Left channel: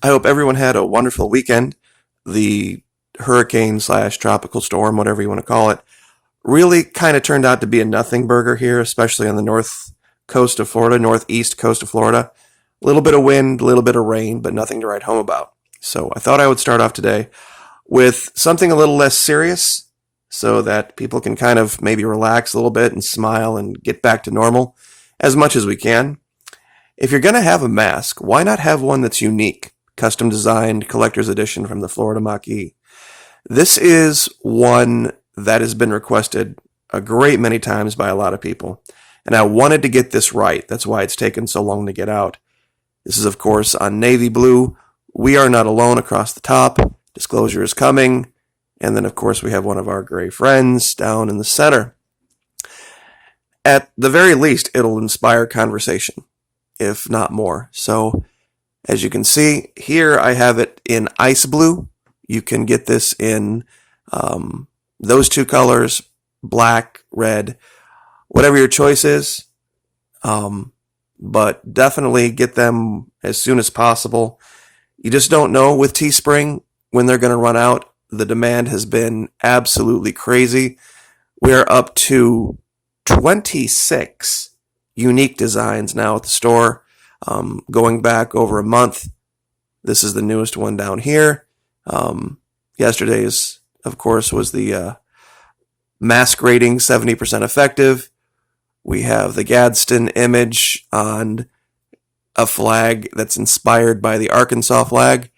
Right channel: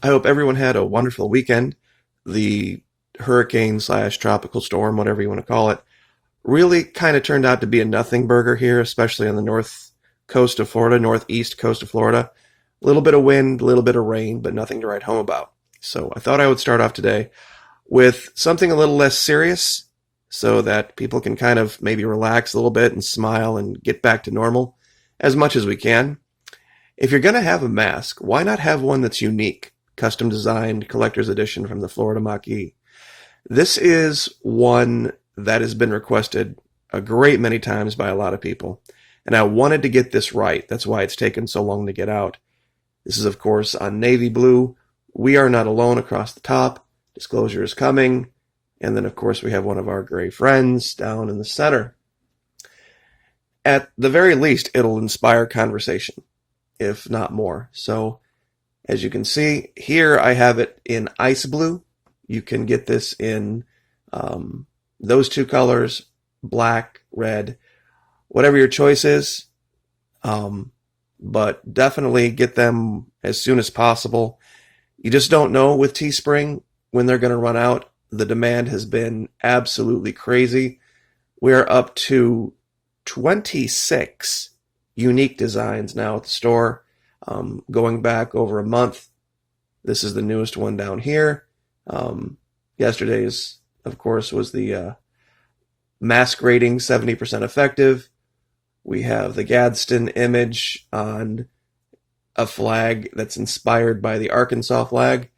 I hope everyone had a wonderful weekend. The hurricane slash tropical storm, whatever you want to call it, really kind of turned out to be a nothing burger here, especially on the north coast of Florida, northeast coast of Florida. A little bit of wind, a little bit of rain, but nothing to write home about. So I thought I would start off today with something a little less serious so that people can kind of maybe relax a little bit and smile and get back to normal as much as we can. If you're going to have a mask, why not have one that's unique? Custom designed collector's edition from the Florida Maquis. This is one that has been requested a great many times by a lot of people, and I wanted to get this right. That's why it's taken so long to get out. This is, of course, on navy blue. We are not alone across the top. Disclosure is coming. And then, of course, we have one of our gray friends down in the center. At the very least, it'll inspire conversation, if not more. So, as you can see, here I have it in ice blue. You can get this in those two colors, black, red, whatever your choice is. But definitely get them as soon as possible. You just don't know with Teespring when they're going to run out. The demand has been absolutely crazy. We are up to 26 unique designs now at the store. Going back over a month. This is the newest one down here. Yesterday's, of course, was the mask rating 70% effective. We have the Gadsden image on a flag that's inspired by the Arkansas flag.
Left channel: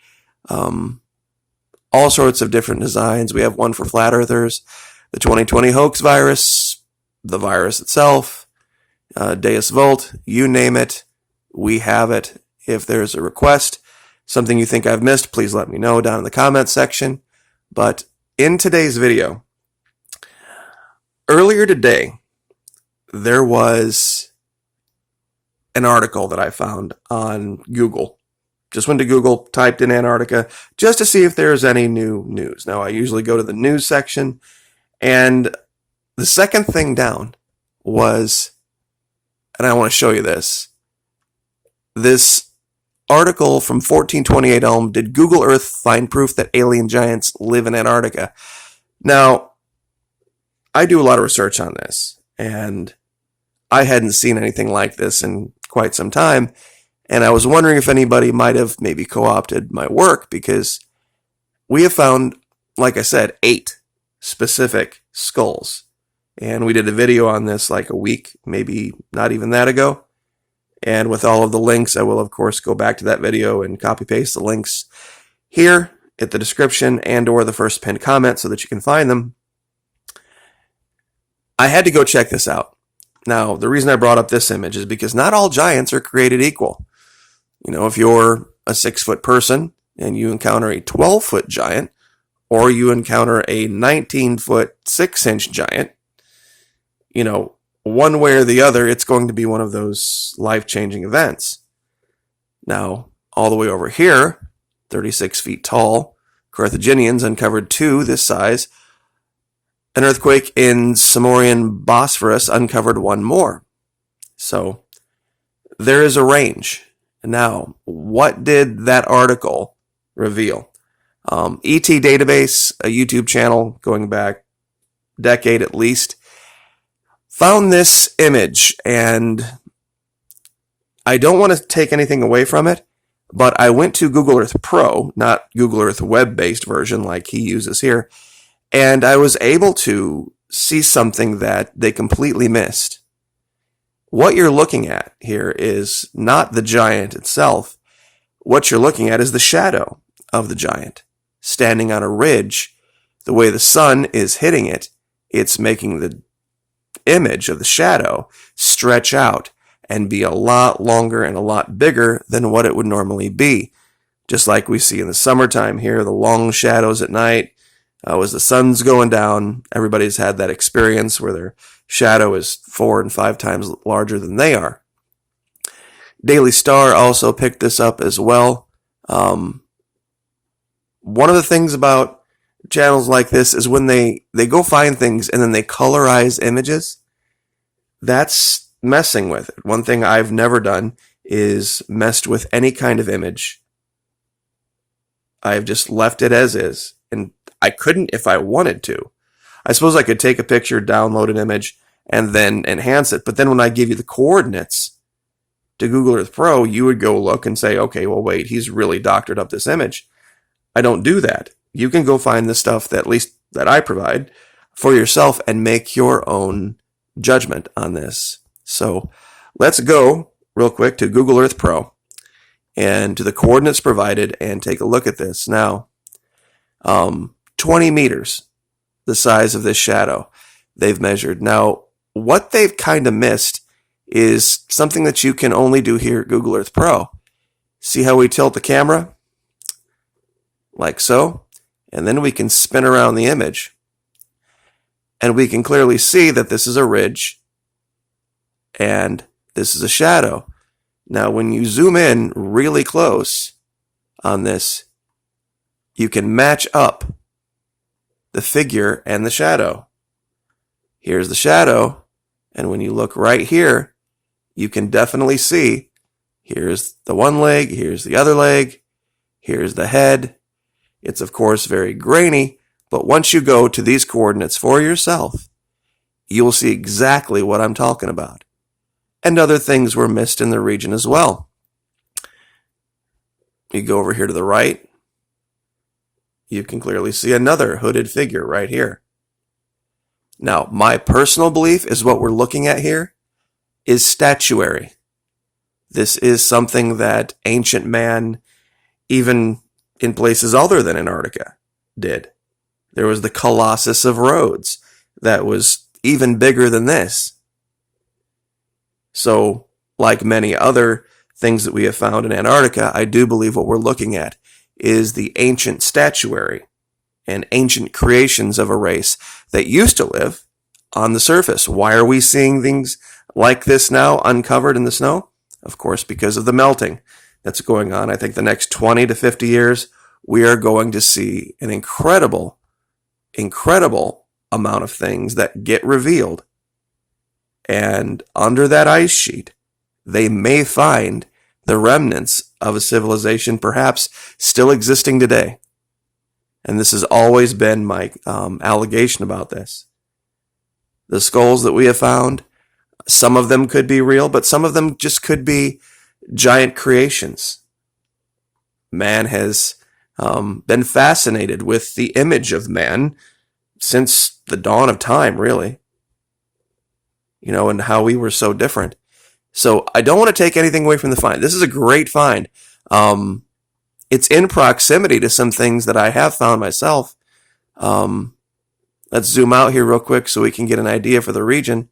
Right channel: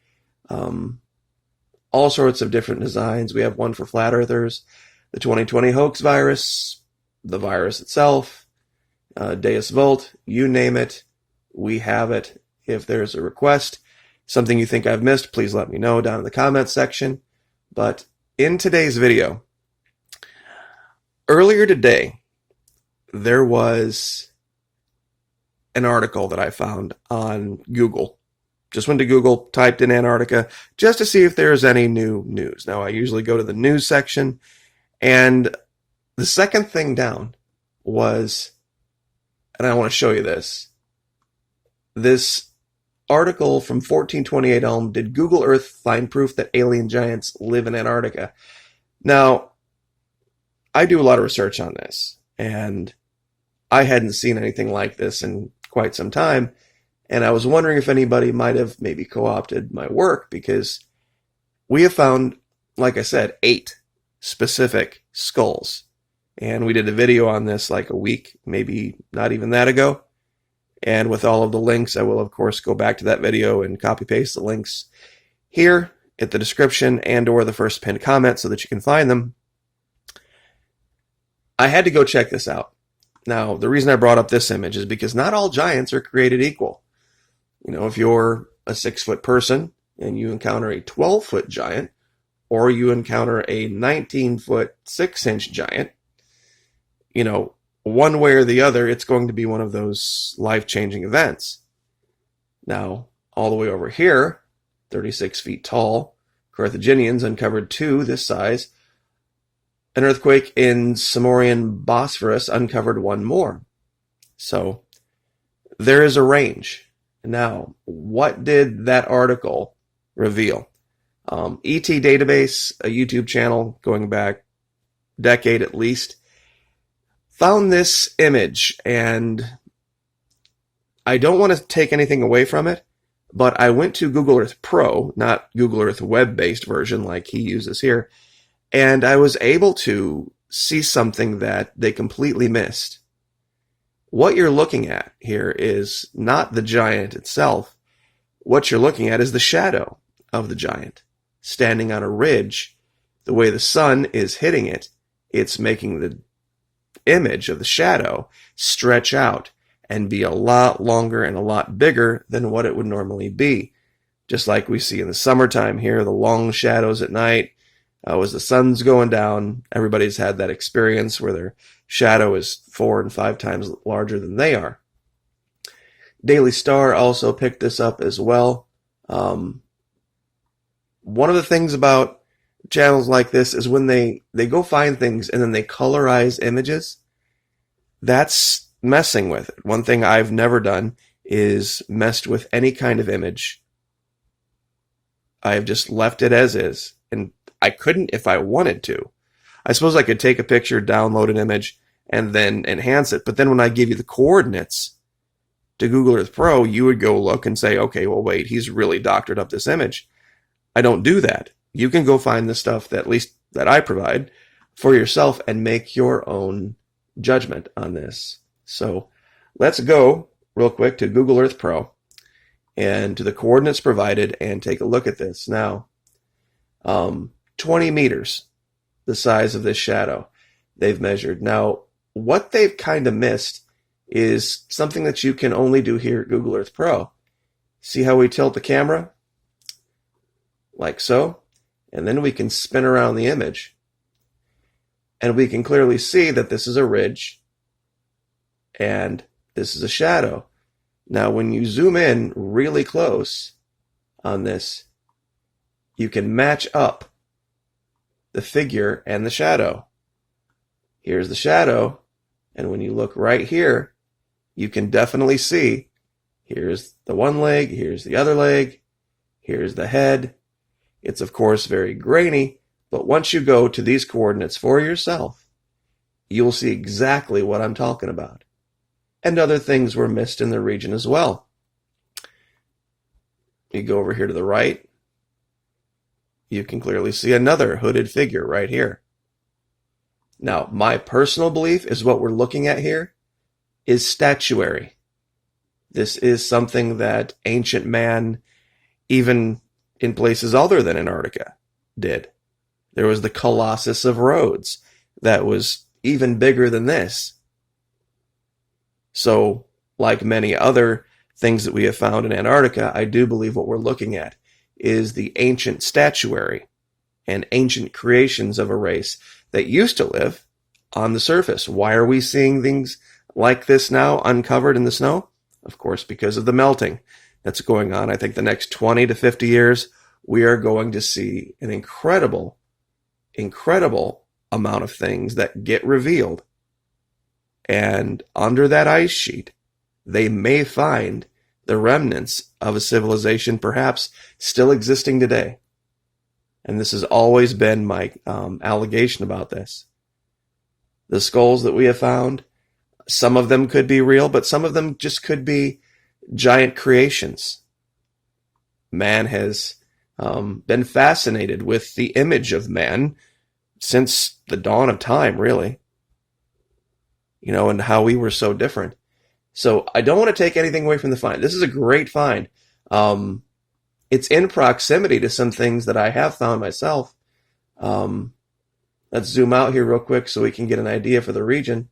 All sorts of different designs. We have one for flat earthers, the 2020 hoax virus, the virus itself, Deus Vult, you name it. We have it. If there's a request, something you think I've missed, please let me know down in the comments section. But in today's video, earlier today, there was an article that I found on Google. Just went to Google, typed in Antarctica, just to see if there's any new news. Now, I usually go to the news section, and the second thing down was, and I want to show you this article from 1428 Elm, did Google Earth find proof that alien giants live in Antarctica? Now, I do a lot of research on this, and I hadn't seen anything like this in quite some time, and I was wondering if anybody might have maybe co-opted my work, because we have found, like I said, 8 specific skulls. And we did a video on this like a week, maybe not even that ago. And with all of the links, I will, of course, go back to that video and copy-paste the links here at the description and or the first pinned comment so that you can find them. I had to go check this out. Now, the reason I brought up this image is because not all giants are created equal. You know, if you're a 6-foot person and you encounter a 12-foot giant, or you encounter a 19-foot 6-inch giant, you know, one way or the other, it's going to be one of those life-changing events. Now, all the way over here, 36 feet tall, Carthaginians uncovered 2 this size. An earthquake in Samorian Bosphorus uncovered 1 more. So, there is a range. Now, what did that article reveal? ET Database, a YouTube channel going back a decade at least, found this image, and I don't want to take anything away from it, but I went to Google Earth Pro, not Google Earth web-based version like he uses here, and I was able to see something that they completely missed. What you're looking at here is not the giant itself. What you're looking at is the shadow of the giant, standing on a ridge. The way the sun is hitting it, it's making the image of the shadow stretch out and be a lot longer and a lot bigger than what it would normally be. Just like we see in the summertime here, the long shadows at night, as the sun's going down, everybody's had that experience where their shadow is 4 and 5 times larger than they are. Daily Star also picked this up as well. One of the things about channels like this is when they go find things and then they colorize images. That's messing with it. One thing I've never done is messed with any kind of image I've just left it as is. And I couldn't if I wanted to. I suppose I could take a picture, download an image, and then enhance it. But then when I give you the coordinates to Google Earth Pro, you would go look and say, okay, well, wait, he's really doctored up this image. I don't do that. You can go find the stuff that at least that I provide for yourself and make your own judgment on this. So let's go real quick to Google Earth Pro and to the coordinates provided and take a look at this. Now, 20 meters, the size of this shadow they've measured. Now, what they've kind of missed is something that you can only do here at Google Earth Pro. See how we tilt the camera? Like so. And then we can spin around the image. And we can clearly see that this is a ridge and this is a shadow. Now, when you zoom in really close on this, you can match up the figure and the shadow. Here's the shadow, and when you look right here, you can definitely see here's the one leg, here's the other leg, here's the head. It's, of course, very grainy, but once you go to these coordinates for yourself, you will see exactly what I'm talking about. And other things were missed in the region as well. You go over here to the right, you can clearly see another hooded figure right here. Now, my personal belief is what we're looking at here is statuary. This is something that ancient man, even in places other than Antarctica, did. There was the Colossus of Rhodes that was even bigger than this. So, like many other things that we have found in Antarctica, I do believe what we're looking at is the ancient statuary and ancient creations of a race that used to live on the surface. Why are we seeing things like this now uncovered in the snow? Of course, because of the melting that's going on. I think the next 20 to 50 years, we are going to see an incredible amount of things that get revealed. And under that ice sheet, they may find the remnants of a civilization perhaps still existing today. And this has always been my allegation about this. The skulls that we have found, some of them could be real, but some of them just could be giant creations. Man has been fascinated with the image of man since the dawn of time, really. You know, and how we were so different. So I don't want to take anything away from the find. This is a great find. It's in proximity to some things that I have found myself. Let's zoom out here real quick so we can get an idea for the region.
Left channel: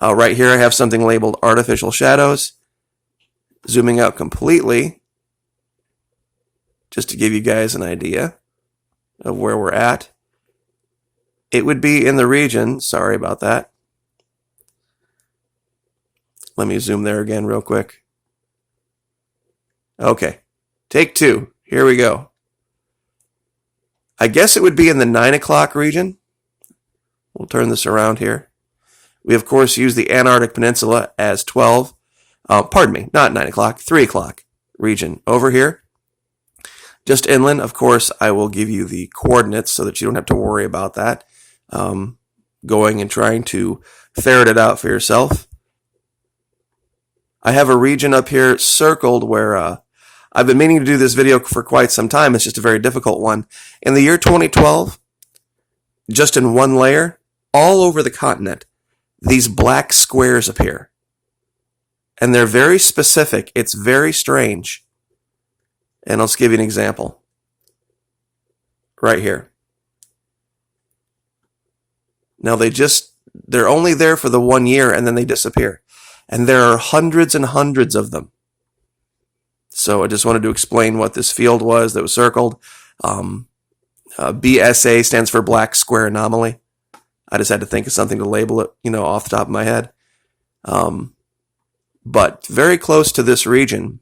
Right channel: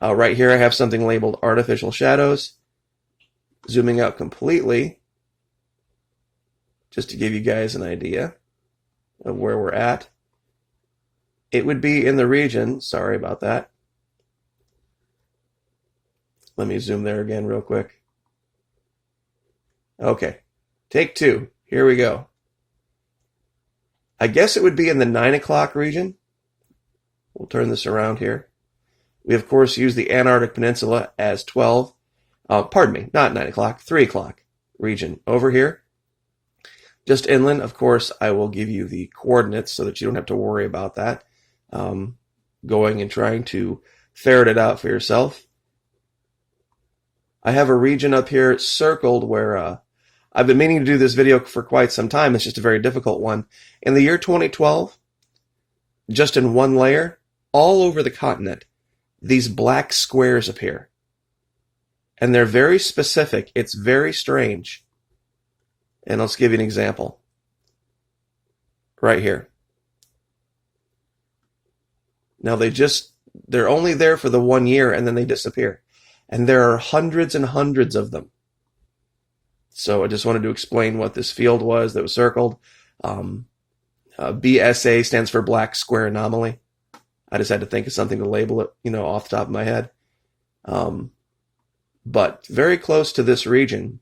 Right here I have something labeled artificial shadows. Zooming out completely, just to give you guys an idea of where we're at. It would be in the region, sorry about that. Let me zoom there again real quick. Okay, take two. Here we go. I guess it would be in the 9 o'clock region. We'll turn this around here. We, of course, use the Antarctic Peninsula as 12. Pardon me, not 9 o'clock, 3 o'clock region over here. Just inland, of course, I will give you the coordinates so that you don't have to worry about that. Going and trying to ferret it out for yourself. I have a region up here circled where I've been meaning to do this video for quite some time. It's just a very difficult one. In the year 2012, just in one layer, all over the continent, these black squares appear. And they're very specific. It's very strange. And I'll just give you an example. Right here. Now they're only there for the 1 year and then they disappear. And there are hundreds and hundreds of them. So I just wanted to explain what this field was that was circled. BSA stands for Black Square Anomaly. I just had to think of something to label it, off the top of my head. But very close to this region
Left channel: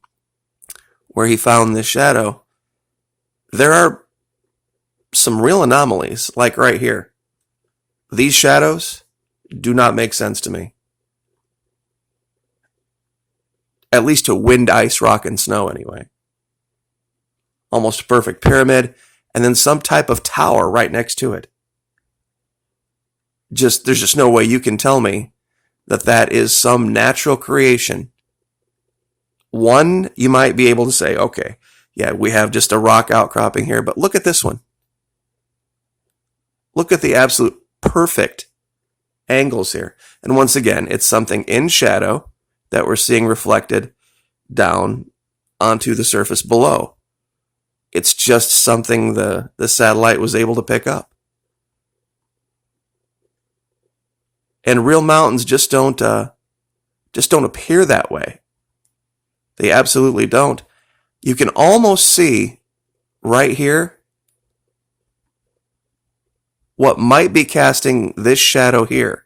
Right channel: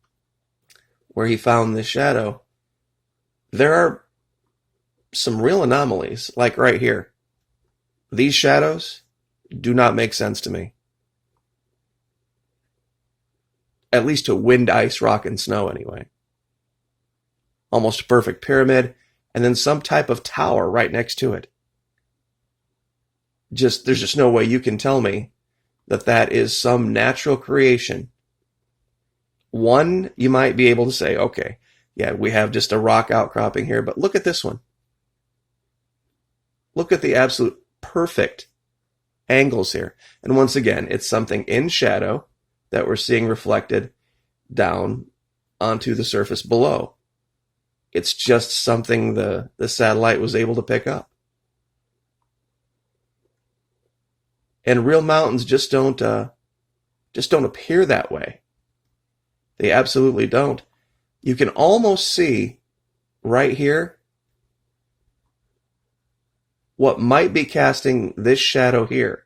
where he found this shadow, there are some real anomalies, like right here. These shadows do not make sense to me. At least to wind, ice, rock, and snow, anyway. almost a perfect pyramid, and then some type of tower right next to it. There's just no way you can tell me that that is some natural creation. One, you might be able to say, okay, yeah, we have just a rock outcropping here, but look at this one. Look at the absolute perfect angles here. And once again, it's something in shadow that we're seeing reflected down onto the surface below. It's just something the satellite was able to pick up. And real mountains just don't appear that way. They absolutely don't. You can almost see right here what might be casting this shadow here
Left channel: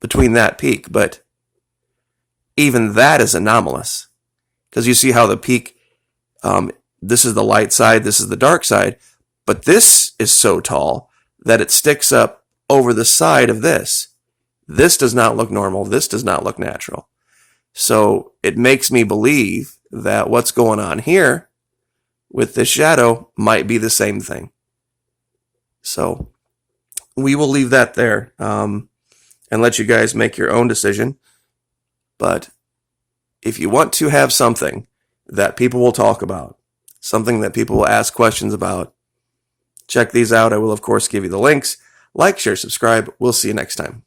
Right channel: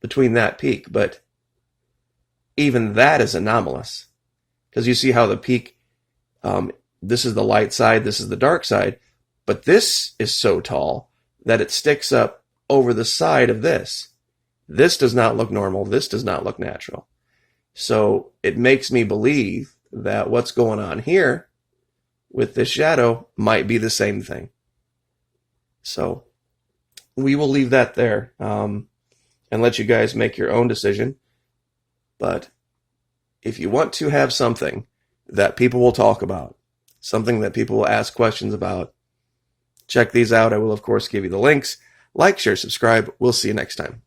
between that peak, but even that is anomalous, because you see how the peak, this is the light side, this is the dark side, but this is so tall that it sticks up over the side of this. This does not look normal. This does not look natural. So it makes me believe that what's going on here with this shadow might be the same thing. So we will leave that there and let you guys make your own decision. But if you want to have something that people will talk about, something that people will ask questions about, check these out. I will, of course, give you the links. Like, share, subscribe. We'll see you next time.